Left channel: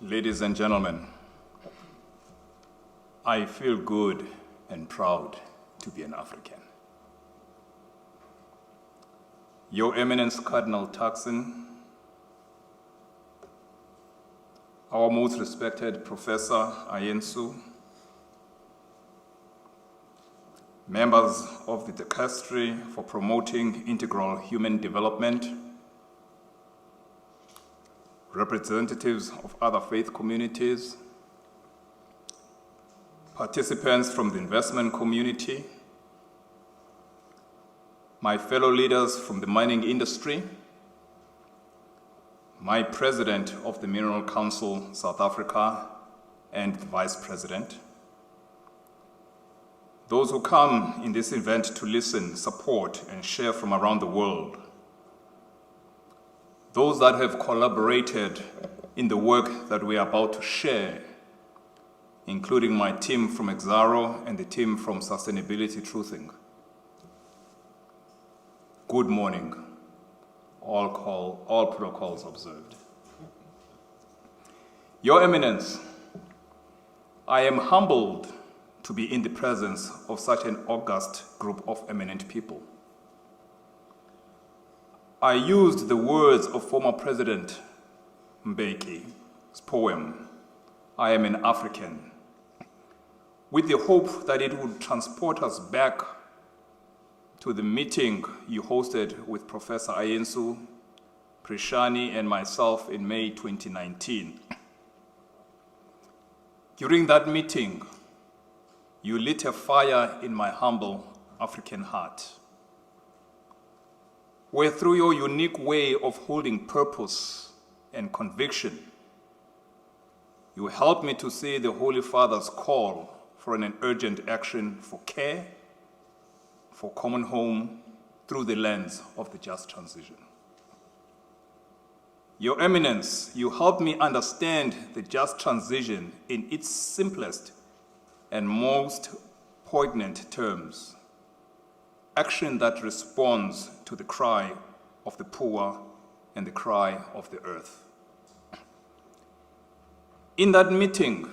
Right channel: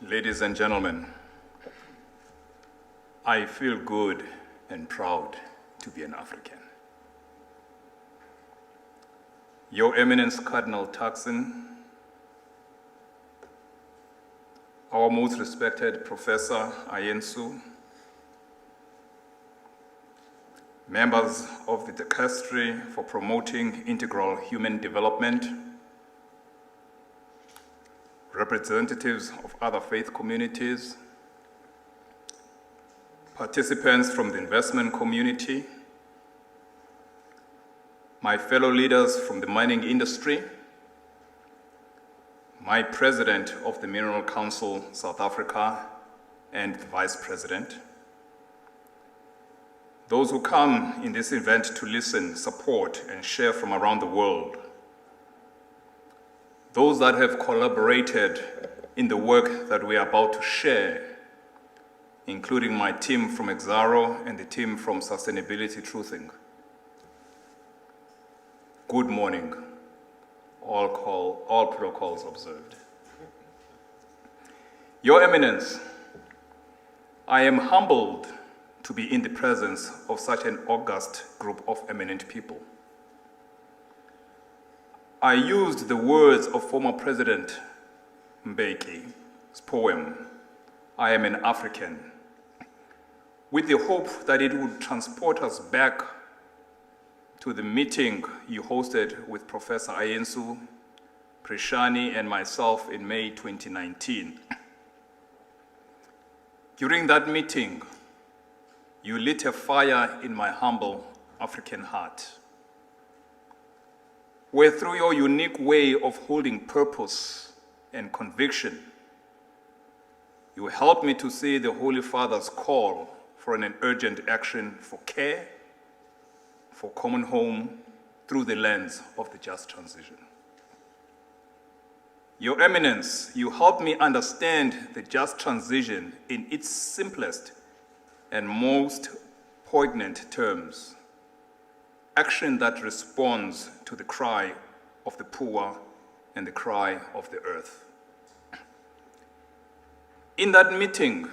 Ladies and gentlemen, I feel good and proud to be an African. Your Eminence Cardinal Turkson, our most respected Professor Ayensu, members of the Dicastery for Promoting Integral Human Development, representatives of other faith communities, participants from the investment community, my fellow leaders from the mining industry, my president of the Mineral Council South Africa and the vice president, those who come in this event to listen, support, and share from around the world, those that have collaborated in the work that we are about to share, including my team from Exxaro and the team from Sustainability Truthing. Good morning, all protocols observed. Your Eminence, I am humbled to be in the presence of such an august group of eminent people. I used the words of former President Mbeki's poem, I Am an African, with the hope that it would transport us back to the meeting you hosted with Professor Ayensu, Prishani, and myself in May 2019. During that meeting, you lit a fire in my humble African heart, where through your unique way of holding purpose and conviction, you helped me to see the Holy Father's call for an urgent action for care, for common home, through the lens of the just transition. Your Eminence, you helped me understand the just transition in its simplest and most poignant terms. Action that responds to the cry of the poor and the cry of the earth. In that meeting,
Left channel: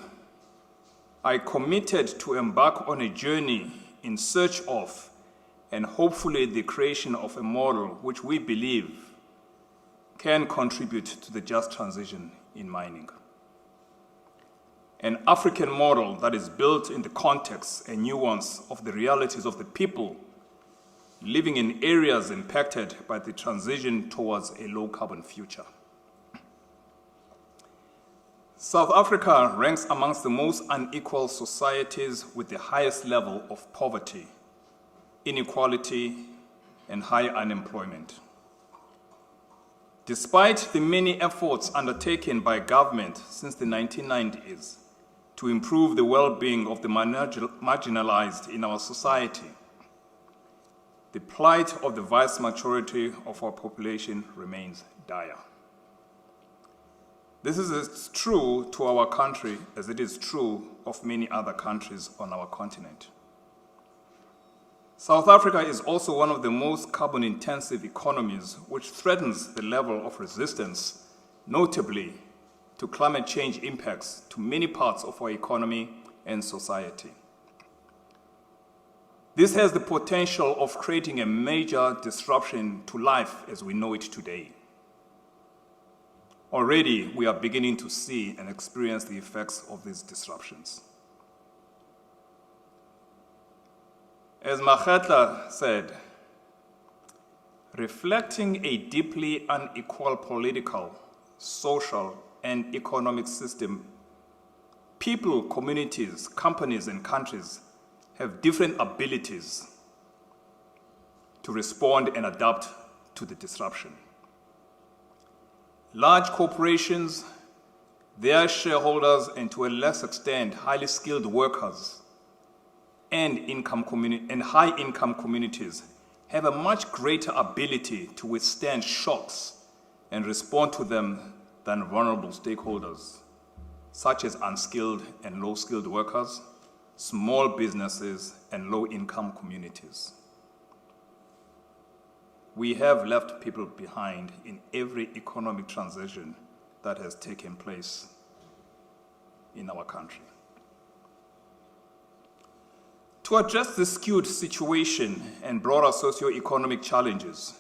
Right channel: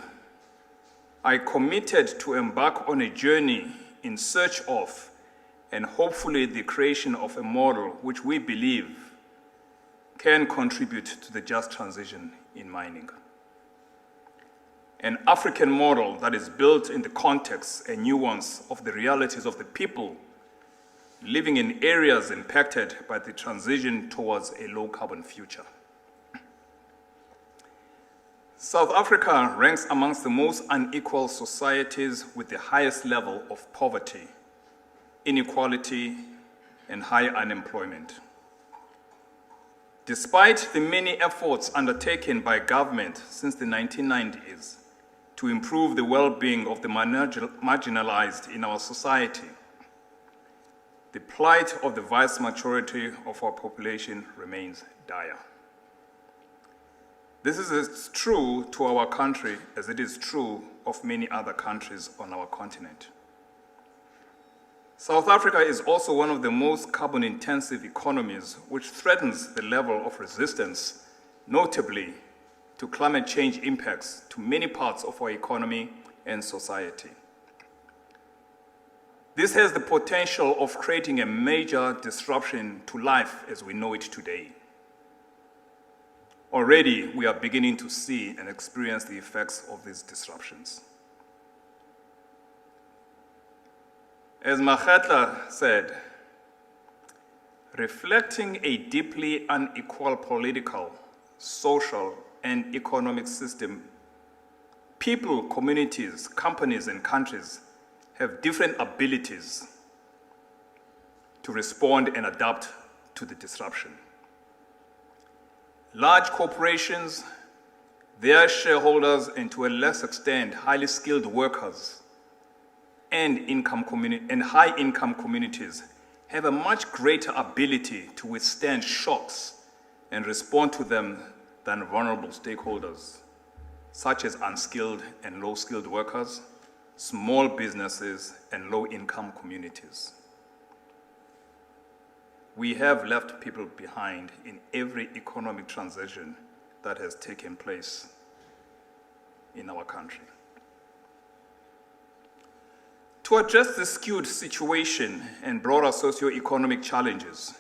I committed to embark on a journey in search of and hopefully the creation of a model which we believe can contribute to the just transition in mining. An African model that is built in the context and nuance of the realities of the people living in areas impacted by the transition towards a low-carbon future. South Africa ranks amongst the most unequal societies with the highest level of poverty, inequality, and high unemployment. Despite the many efforts undertaken by government since the 1990s to improve the well-being of the marginalized in our society, the plight of the vast majority of our population remains dire. This is as true to our country as it is true of many other countries on our continent. South Africa is also one of the most carbon-intensive economies, which threatens the level of resistance, notably to climate change impacts to many parts of our economy and society. This has the potential of creating a major disruption to life as we know it today. Already, we are beginning to see and experience the effects of these disruptions. As Makhetla said, reflecting a deeply unequal political, social, and economic system, people, communities, companies, and countries have different abilities to respond and adapt to the disruption. Large corporations, their shareholders, and to a less extent, highly skilled workers and high-income communities have a much greater ability to withstand shocks and respond to them than vulnerable stakeholders, such as unskilled and low-skilled workers, small businesses, and low-income communities. We have left people behind in every economic transition that has taken place in our country. To address the skewed situation and broader socio-economic challenges,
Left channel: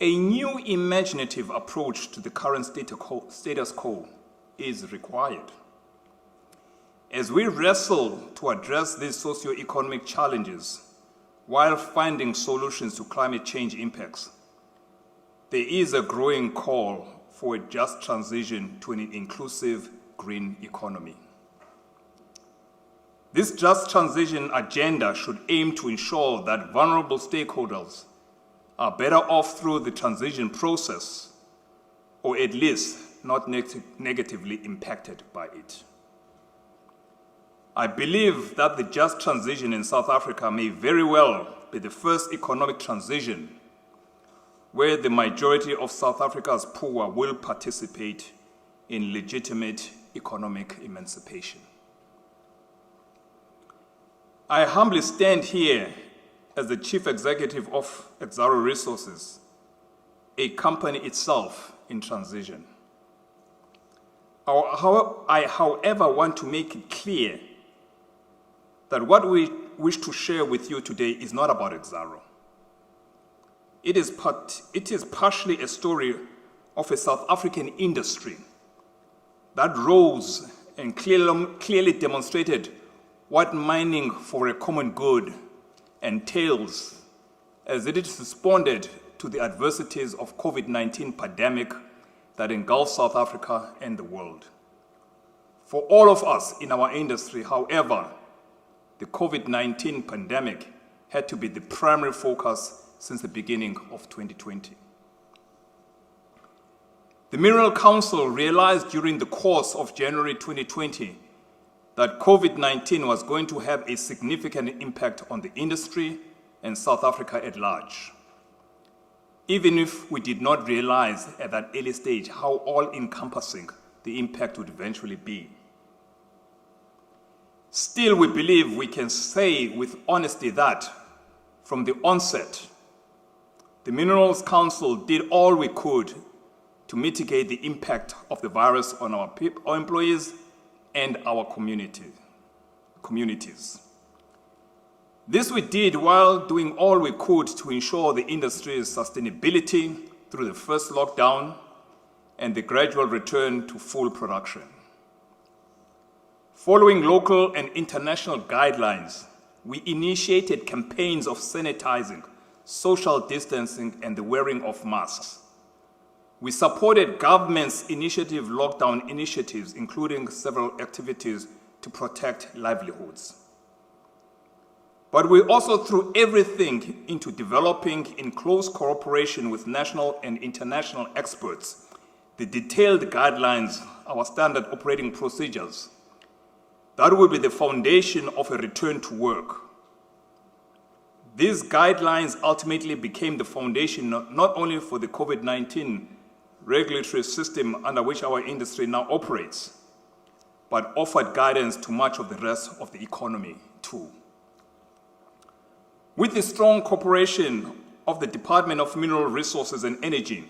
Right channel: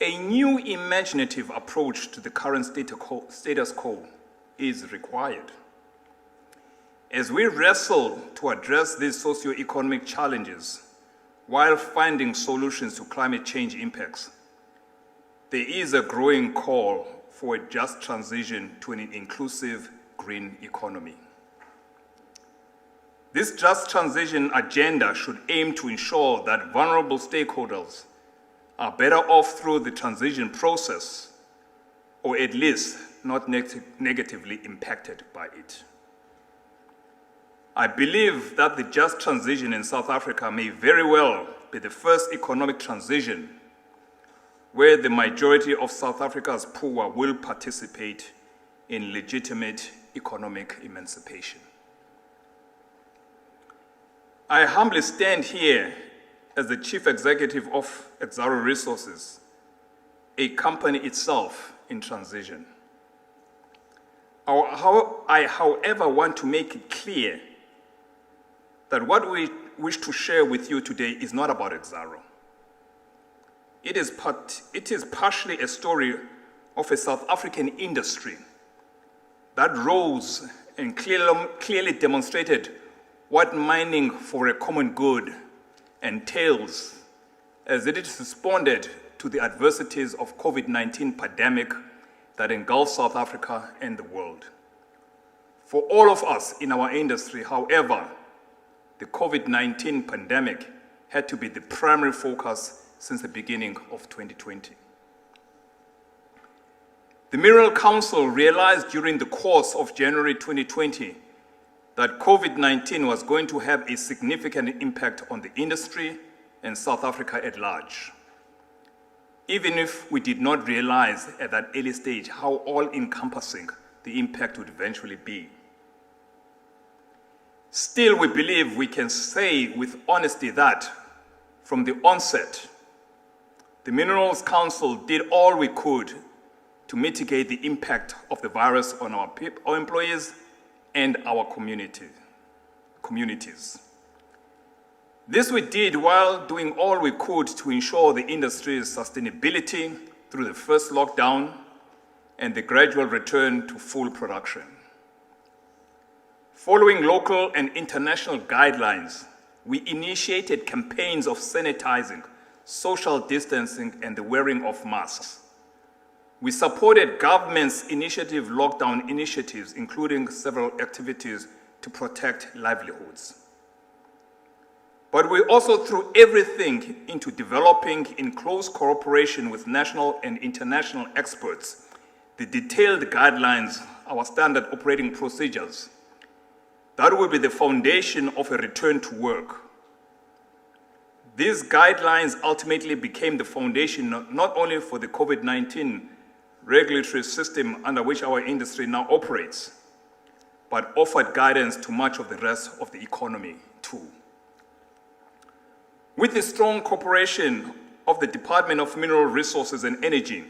a new imaginative approach to the current status quo is required. As we wrestle to address these socio-economic challenges while finding solutions to climate change impacts, there is a growing call for a just transition to an inclusive green economy. This just transition agenda should aim to ensure that vulnerable stakeholders are better off through the transition process, or at least not negatively impacted by it. I believe that the just transition in South Africa may very well be the first economic transition where the majority of South Africa's poor will participate in legitimate economic emancipation. I humbly stand here as the Chief Executive of Exxaro Resources, a company itself in transition. I, however, want to make it clear that what we wish to share with you today is not about Exxaro. It is partially a story of a South African industry that rose and clearly demonstrated what mining for a common good entails as it responded to the adversities of COVID-19 pandemic that engulfed South Africa and the world. For all of us in our industry, however, the COVID-19 pandemic had to be the primary focus since the beginning of 2020. The Mineral Council realized during the course of January 2020 that COVID-19 was going to have a significant impact on the industry and South Africa at large, even if we did not realize at that early stage how all-encompassing the impact would eventually be. Still, we believe we can say with honesty that, from the onset, the Minerals Council did all we could to mitigate the impact of the virus on our employees and our communities. This we did while doing all we could to ensure the industry's sustainability through the first lockdown and the gradual return to full production. Following local and international guidelines, we initiated campaigns of sanitizing, social distancing, and the wearing of masks. We supported government's lockdown initiatives, including several activities to protect livelihoods. But we also threw everything into developing, in close cooperation with national and international experts, the detailed guidelines, our standard operating procedures, that will be the foundation of a return to work. These guidelines ultimately became the foundation not only for the COVID-19 regulatory system under which our industry now operates, but offered guidance to much of the rest of the economy too. With the strong cooperation of the Department of Mineral Resources and Energy,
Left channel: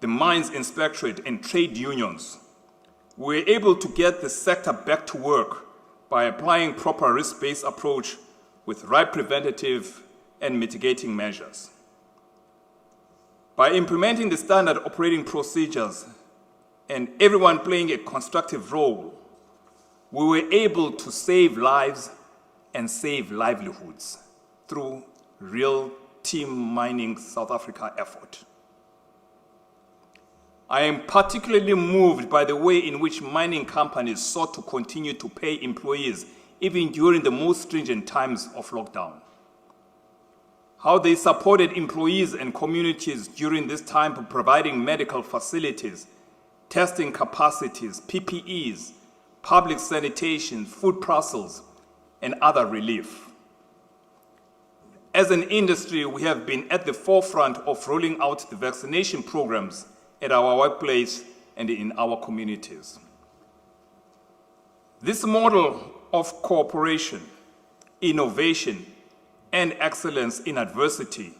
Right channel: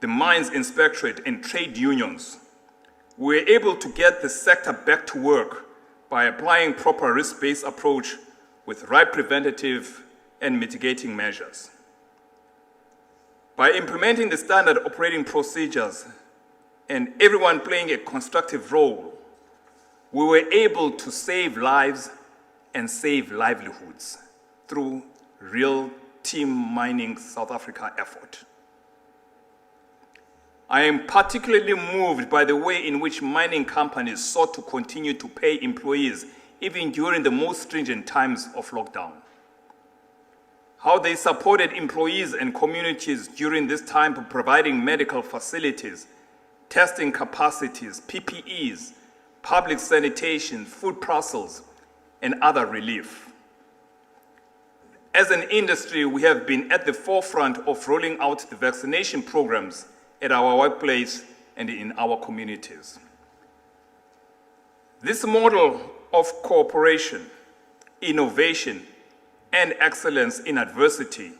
the Mines Inspectorate, and trade unions, we were able to get the sector back to work by applying proper risk-based approach with right preventative and mitigating measures. By implementing the standard operating procedures and everyone playing a constructive role, we were able to save lives and save livelihoods through real Team Mining South Africa effort. I am particularly moved by the way in which mining companies sought to continue to pay employees even during the most stringent times of lockdown. How they supported employees and communities during this time by providing medical facilities, testing capacities, PPEs, public sanitation, food parcels, and other relief. As an industry, we have been at the forefront of rolling out the vaccination programs at our workplace and in our communities. This model of cooperation, innovation, and excellence in adversity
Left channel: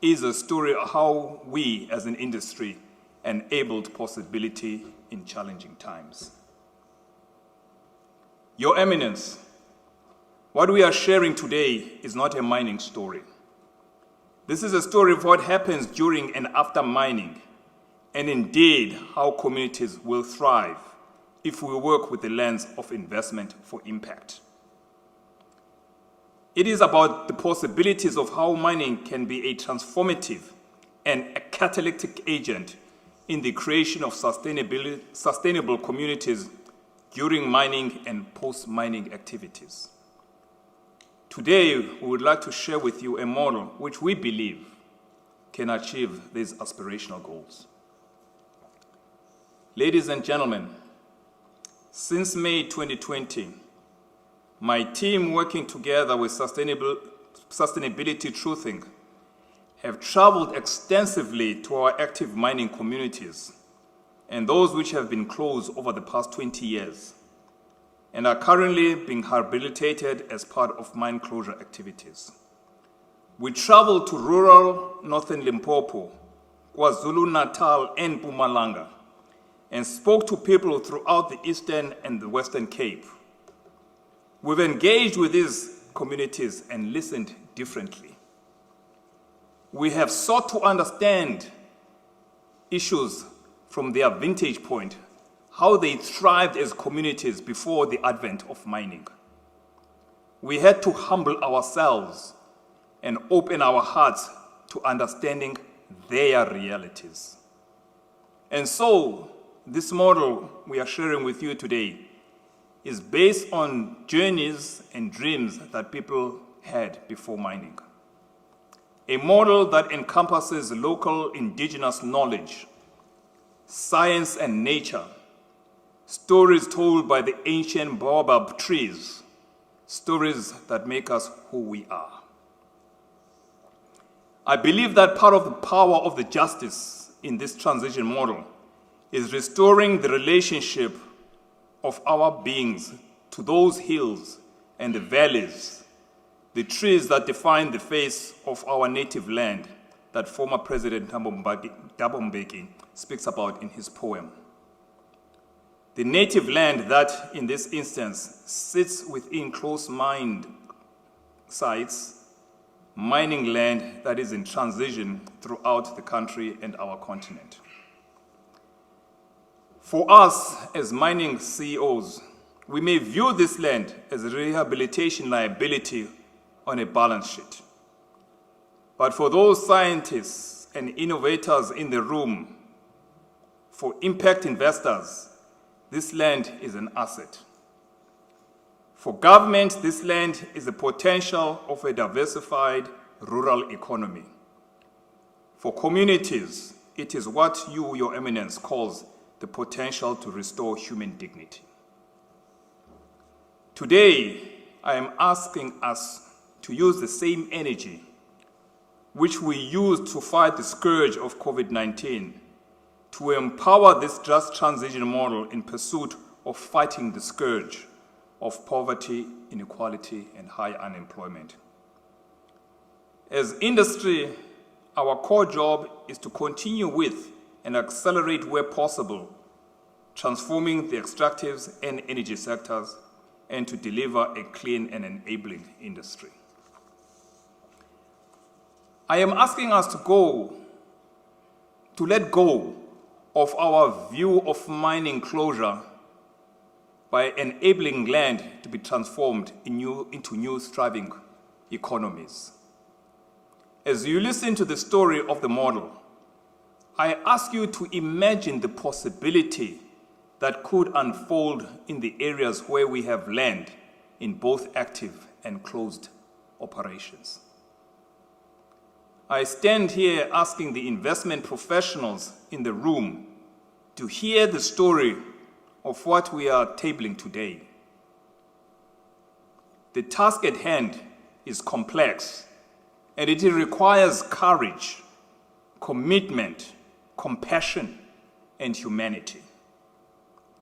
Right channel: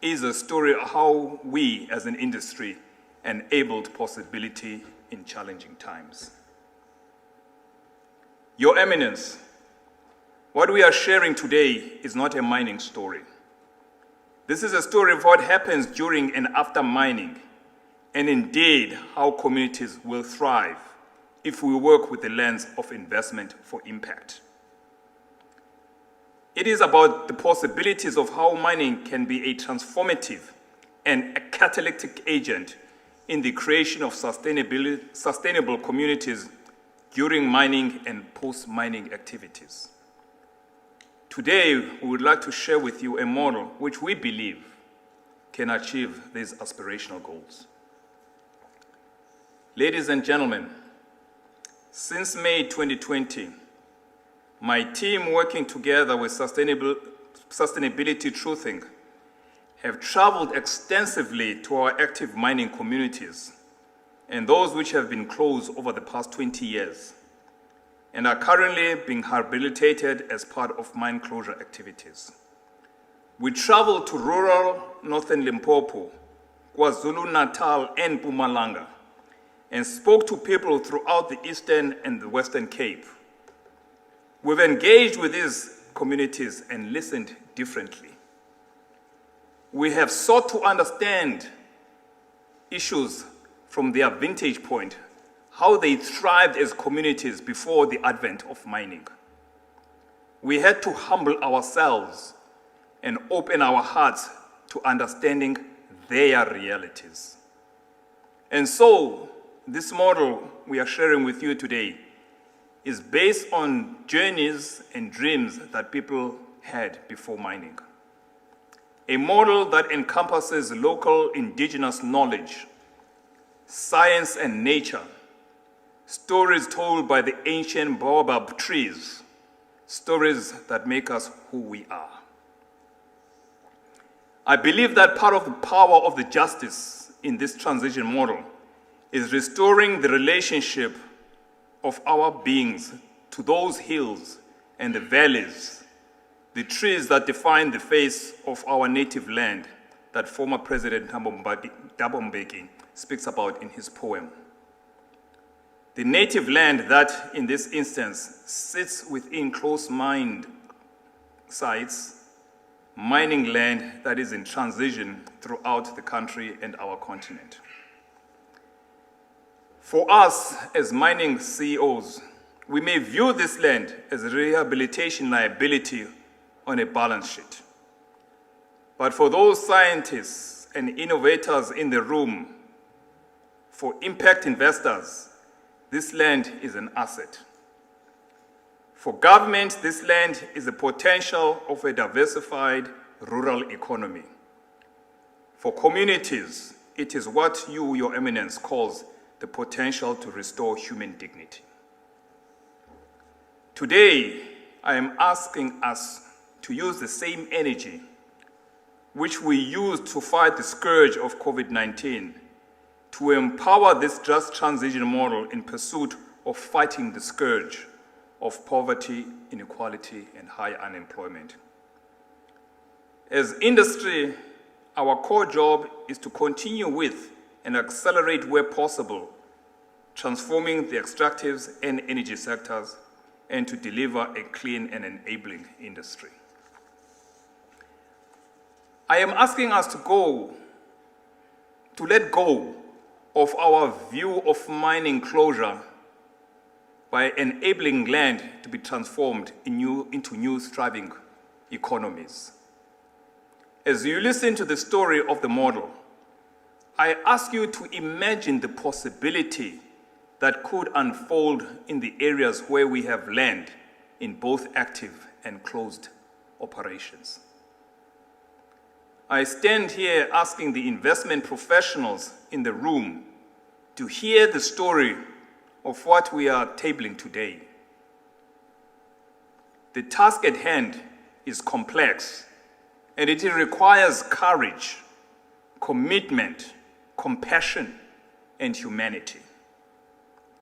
is a story of how we as an industry enabled possibility in challenging times. Your Eminence, what we are sharing today is not a mining story. This is a story of what happens during and after mining, and indeed how communities will thrive if we work with the lens of investment for impact. It is about the possibilities of how mining can be a transformative and a catalytic agent in the creation of sustainable communities during mining and post-mining activities. Today, we would like to share with you a model which we believe can achieve these aspirational goals. Ladies and gentlemen, since May 2020, my team working together with Sustainability Truthing have traveled extensively to our active mining communities and those which have been closed over the past 20 years and are currently being rehabilitated as part of mine closure activities. We traveled to rural northern Limpopo, KwaZulu-Natal and Mpumalanga and spoke to people throughout the Eastern and the Western Cape. We've engaged with these communities and listened differently. We have sought to understand issues from their vantage point, how they thrived as communities before the advent of mining. We had to humble ourselves and open our hearts to understanding their realities. And so, this model we are sharing with you today is based on journeys and dreams that people had before mining. A model that encompasses local indigenous knowledge, science and nature, stories told by the ancient baobab trees, stories that make us who we are. I believe that part of the power of the justice in this transition model is restoring the relationship of our beings to those hills and the valleys, the trees that define the face of our native land that former President Thabo Mbeki speaks about in his poem. The native land that, in this instance, sits within close-mined sites, mining land that is in transition throughout the country and our continent. For us, as mining CEOs, we may view this land as a rehabilitation liability on a balance sheet. But for those scientists and innovators in the room, for impact investors, this land is an asset. For government, this land is the potential of a diversified rural economy. For communities, it is what you, Your Eminence, calls the potential to restore human dignity. Today, I am asking us to use the same energy which we used to fight the scourge of COVID-19 to empower this just transition model in pursuit of fighting the scourge of poverty, inequality, and high unemployment. As industry, our core job is to continue with and accelerate where possible, transforming the extractives and energy sectors, and to deliver a clean and enabling industry. I am asking us to let go of our view of mining closure by enabling land to be transformed into new thriving economies. As you listen to the story of the model, I ask you to imagine the possibility that could unfold in the areas where we have land in both active and closed operations. I stand here asking the investment professionals in the room to hear the story of what we are tabling today. The task at hand is complex, and it requires courage, commitment, compassion, and humanity.